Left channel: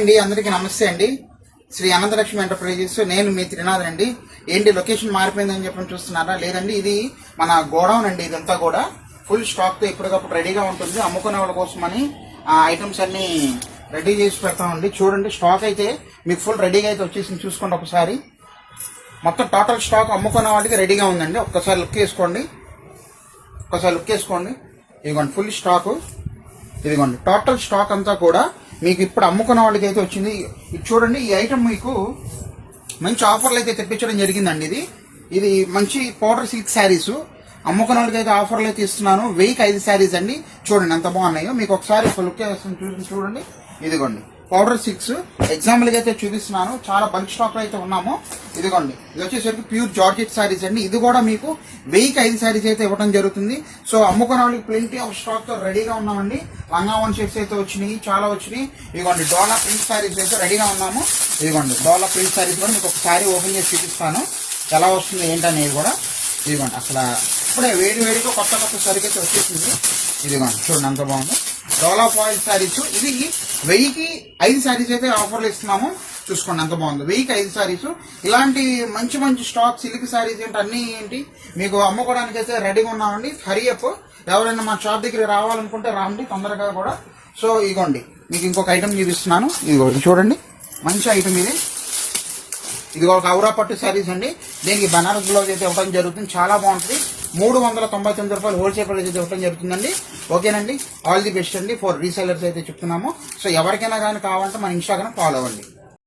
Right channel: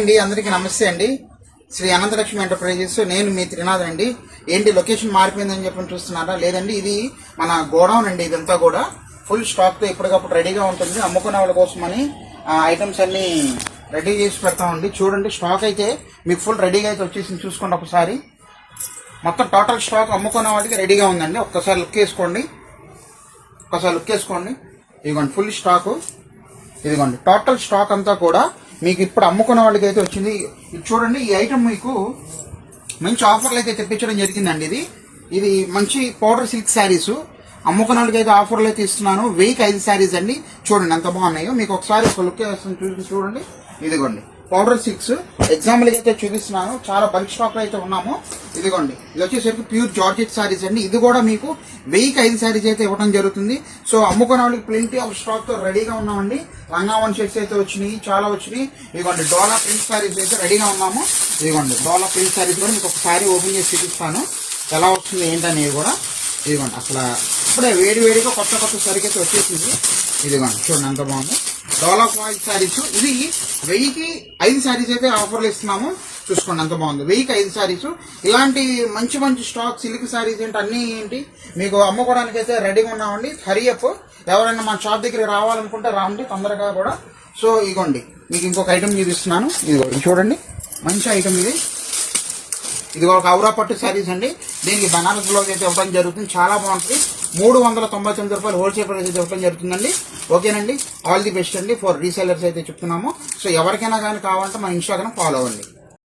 అండి అందరికీ నమస్తే అండి. శ్రీ అనంతలక్ష్మి ఎంటర్ప్రైజెస్, నేను మీ త్రినాథ్ అండి. ఏంటి లొకేషన్ మారిపోయిందని చెప్పి చూస్తున్నారా? లేదండి, ఇది మన గోడౌన్ అండి. ఇదంతా కూడా ఫుల్ స్టాక్ తో ఎప్పటికప్పుడు రెడీగా ఉంటుంది. అమ్ముకునే వాళ్ళ కోసమని ఐటమ్స్ అన్ని రెడీ చేసి పెడతామండి. చూడండి, స్టాక్ అయితే మీకు ఫుల్ రెడీగా అయితే వచ్చేసింది. చూసుకోండి ఒకసారి, మొత్తం టోటల్ స్టాక్ అమ్ముకునే వాళ్ళకి రెడీగా ఉందండి. ఒక్కసారి లుక్ వేసుకోండి, ఇదిగోండి ఫుల్ స్టాక్. ఇదిగోండి టోటల్ స్టాక్ అంతా కూడా మీకు ఇప్పుడు అమ్ముకున్న వాళ్ళకి అయితే వచ్చింది. ఇది చూడండి, ఈ ఐటమ్ మీకు మంచి ఆఫర్లు అయితే తెప్పించడం జరిగిందండి. ఇది మంచి పౌడర్ సిల్క్ శారీస్ అమ్ముకున్న వాళ్ళకి అయితే ఆఫర్లు అయితే ఇస్తున్నాను. 1000కి 5 శారీస్ అండి. చూడండి ఎంత బాగున్నాయో. మీకు ఒకసారి ఒక లుక్ వేస్తాను, చూడండి. ఇదిగోండి పౌడర్ సిల్క్స్ ఎగ్జాంపుల్ అయితే చూపిస్తున్నాను. చాలా బల్క్ స్టాక్ అయితే ఉన్నాము. ఇదిగోండి, ఇది వచ్చేసరికి ప్యూర్ జార్జెట్ శారీస్ అండి. ఇది కూడా మీకు 1000కి 5 శారీస్ అయితే ఇవ్వడం జరుగుతుంది. సో అమ్ముకున్న వాళ్ళకి ప్లెంటీ ఆఫ్ స్టాక్ తో రెడీగా ఉన్నామండి. లంగావన్ సెట్స్ అయితే వచ్చినాయి, చాలా వచ్చినాయి. ఇదిగోండి డోలా ప్రింట్ శారీస్ అయితే రెడీగా ఉన్నాము. ఇదిగోండి డోలా ప్రింట్ శారీస్ కూడా మీకు ఒకసారి ఓపెన్ చేసి చూపిస్తాను, ఎలా వస్తుంది ఏంటనేది కూడా. ఇదిగోండి అసలు ఇప్పుడే వేడిగా కొత్త సరికి అయితే వచ్చేసింది. ఇదిగోండి చూడండి ఎంత బాగుంది. డోలా ఫాయిల్ శారీస్, ఇది 1000కి 5 శారీస్ అయితే ఆఫర్లు ఇస్తున్నాము. చూసుకోండి ఎంత బాగుంది. 1000కి 5 శారీస్. ఇలాంటి మంచి స్టాక్ సిల్క్ శారీస్ ఏంటి అన్ని ఏంటి మీకు అమ్ముకోవడానికి అయితే రెడీగా ఉన్నామండి. హరియప్, ఎవరైనా మా షాప్ దగ్గరికి రావాలనుకుంటే రాండి తొందరగా కూడా. సో ఇదిగోండి మీకు ఇంకొక ఐటమ్ చూపిస్తున్నాను. ఇదిగోండి చూడండి, మంచి ఐటమ్ ఇది. ఇది ఒక ఔరా పట్టు శారీస్ అండి. దీనికి బనారస్ బ్లౌజ్ అయితే ఇవ్వడం జరుగుతుంది. చాలా బాగుంటుంది. 399 రూపాయలు హోల్సేల్ ప్రైస్ అయితే ఇవ్వడం జరుగుతుందండి. ఓకేనండి, ఆల్ ది బెస్ట్ అండి. ఫర్ రీసెలర్స్ అయితే చెప్తున్నాము. సో ఎవరికైనా కానీ కావాలంటే మన ఇన్స్టాగ్రామ్ ఫాలో అవ్వండి.